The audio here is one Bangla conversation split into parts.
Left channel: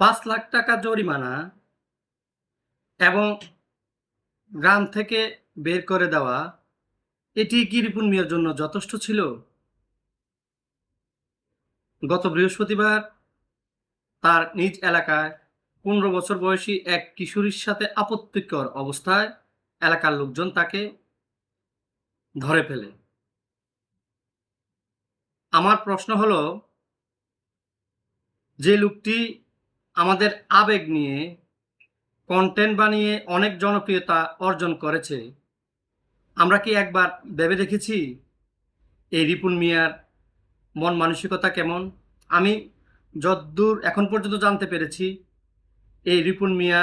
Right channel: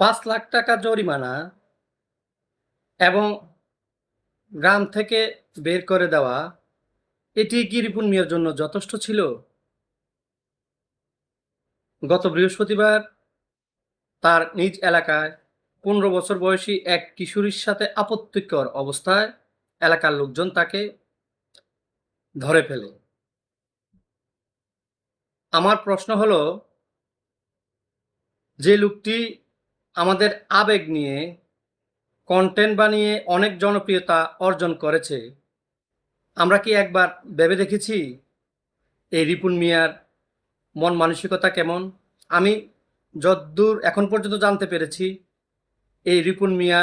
৫,০০,০০০ জরিমানা এবং গ্রাম থেকে বের করে দেওয়া, এটি কি রিপন মিয়ার জন্য যথেষ্ট ছিল? গত বৃহস্পতিবার তার নিজ এলাকায় ১৫ বছর বয়সী এক কিশোরীর সাথে আপত্তিকর অবস্থায় এলাকার লোকজন তাকে ধরে ফেলে। আমার প্রশ্ন হলো, যে লোকটি আমাদের আবেগ নিয়ে কনটেন্ট বানিয়ে অনেক জনপ্রিয়তা অর্জন করেছে, আমরা কি একবার ভেবে দেখেছি এই রিপন মিয়ার মন মানসিকতা কেমন? আমি যদ্দূর এখন পর্যন্ত জানতে পেরেছি, এই রিপন মিয়া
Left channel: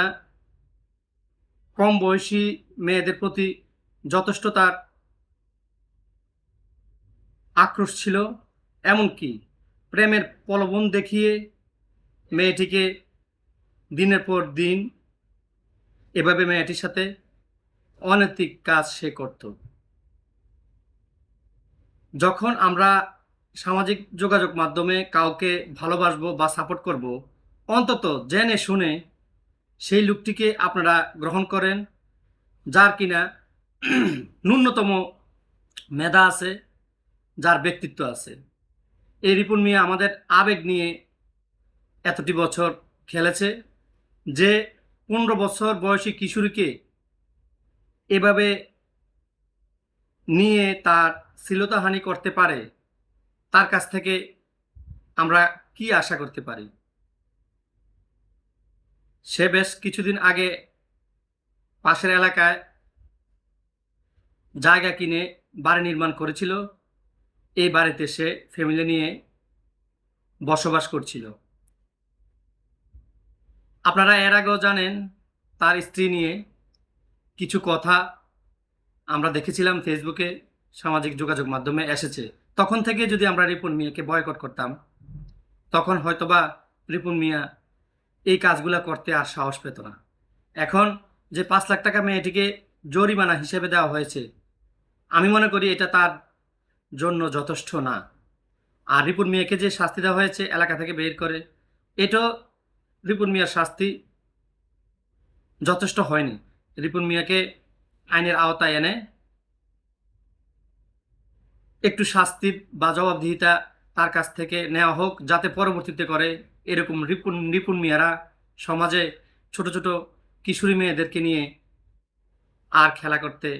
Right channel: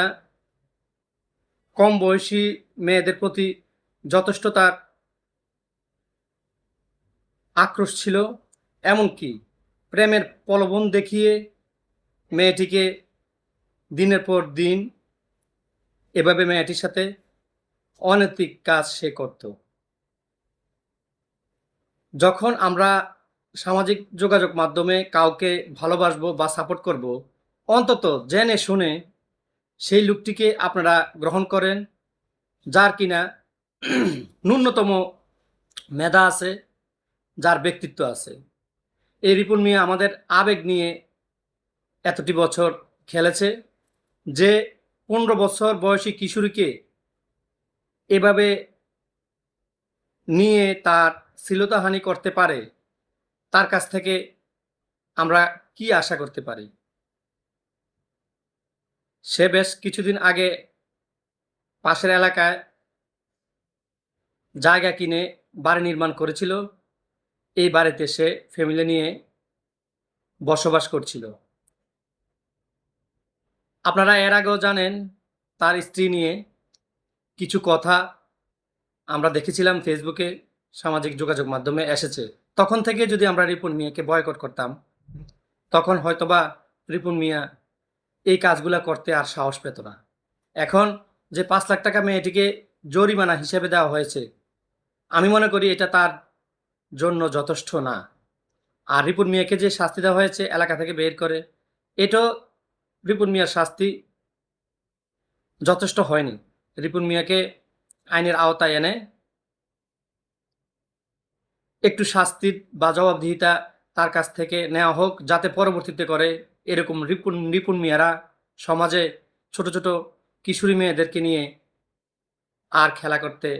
কম বয়সী মেয়েদের প্রতি যথেষ্ট তার আক্রোশ ছিল। এমনকি প্রেমের প্রলোভন দেখিয়ে মেয়েটিকে দিনের পর দিন এভাবে মেয়েটির সাথে অনৈতিক কাজ সে করত। যখন আমরা সামাজিক যোগাযোগ মাধ্যমে কাউকে ভালোবাসবো বা সাপোর্ট করব, অন্তত জেনে শুনে সেই লোকটিকে আপনারা গ্রহণ করেন, যার কিনা ন্যূনতম মেধা আছে, যার ব্যক্তিত্ব আছে। এই রিপন মিয়া আমাদের আবেগ নিয়ে এতটি বছর খেলেছে, যে ১৫ বছর বয়সী কিশোরীকে এভাবে নিয়ে তার শ্লীলতাহানি করতে পারে, তার কাছ থেকে আমরা কি আশা করতে পারি? সে বেশ কিছুদিন আগে পাশের এলাকায় জায়গা কিনে বাড়ি নির্মাণ করেছিল। এই বাড়িতে সে ফ্যামিলি নিয়ে বসবাস করছিল। আপনারা এর আগেও জানেন, তার স্ত্রী নিয়ে কিছু কথা আমরা দেখেছিলাম ফেসবুকে, সামাজিক যোগাযোগ মাধ্যমে এসেছে। তখন থেকে যদি আমরা রিপন মিয়াকে বয়কট করতাম, তখন হয়তোবা রিপন মিয়া এই কাজগুলা করতে আর সাহস পেত না। এখন যে ৫,০০,০০০ টাকা মেয়েটিকে জরিমানা হিসেবে দেওয়া হয়েছে, আমি মনে করি এটা তার জন্য যথেষ্ট না। আর রিপন মিয়াকে যে শাস্তি দেওয়া হয়েছে এলাকা থেকে বের করে, এটাও রিপন মিয়ার শাস্তি যথেষ্ট হয়নি। রিপন মিয়াকে আইনের আওতায় এনে একটু শাস্তির বা জবাবদিহিতা তার কাছ থেকে নেওয়া হোক, যাতে পরবর্তীতে করে এরকম রিপন মিয়ারা সমাজে ছোট ছোট কিশোরী মেয়েদেরকে নিয়ে আর খেলা করতে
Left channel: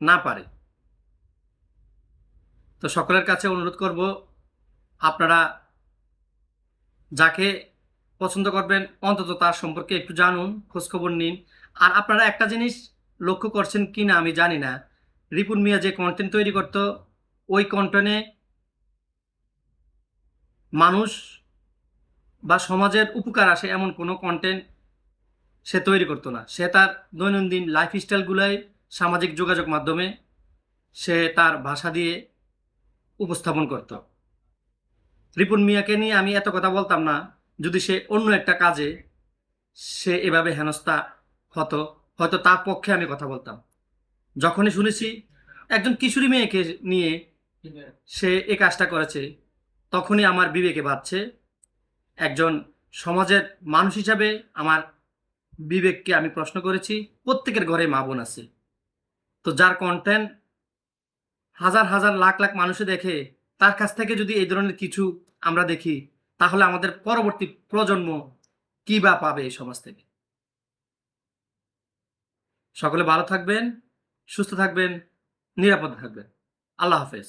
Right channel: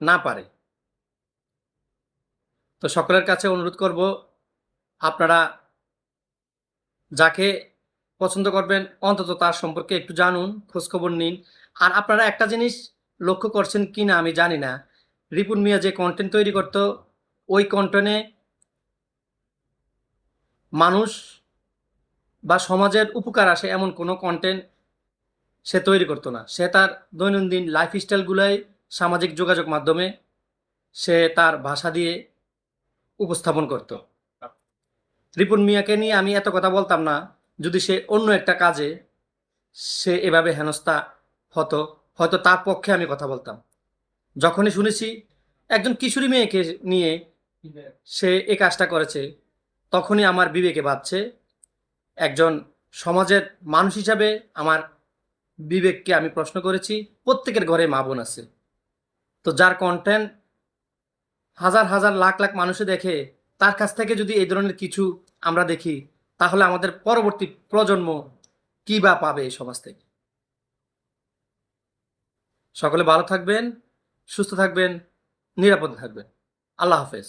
না পারে। তো সকলের কাছে অনুরোধ করব, আপনারা যাকে পছন্দ করবেন অন্তত তার সম্পর্কে একটু জানুন, খোঁজখবর নিন। আর আপনারা একটা জিনিস লক্ষ্য করছেন কি না আমি জানি না, রিপন মিয়া যে কন্টেন্ট তৈরি করত, ওই কন্টেন্টে মানুষ বা সমাজের উপকার আসে এমন কোনো কন্টেন্ট সে তৈরি করতো না। সে তার দৈনন্দিন লাইফস্টাইলগুলাই সামাজিক যোগাযোগ মাধ্যমে সে তার ভাষা দিয়ে উপস্থাপন করত। রিপন মিয়াকে নিয়ে আমি এত কথা বলতাম না যদি সে অন্য একটা কাজে সে এভাবে হেনস্থা হতো, হয়তো তার পক্ষে আমি কথা বলতাম। যখনই শুনেছি একজন কিশোরী মেয়েকে নিয়ে সে এই কাজটা করেছে, তখনই আমার বিবেকে বাজছে, একজন সমাজের মানুষ হিসাবে আমার বিবেককে আমি প্রশ্ন করেছি। প্রত্যেকের ঘরে মা বোন আছে, তো যার কন্টেন্ট হাজার হাজার লাখ লাখ মানুষে দেখে, তার কাছ থেকে যদি এই ধরনের কিছু আমরা দেখি, তাহলে আমাদের পরবর্তী প্রজন্ম কি বা পাবে এই সমাজ থেকে? সকলে ভালো থাকবেন, সুস্থ থাকবেন, নিরাপদে থাকবেন। আল্লাহ হাফেজ।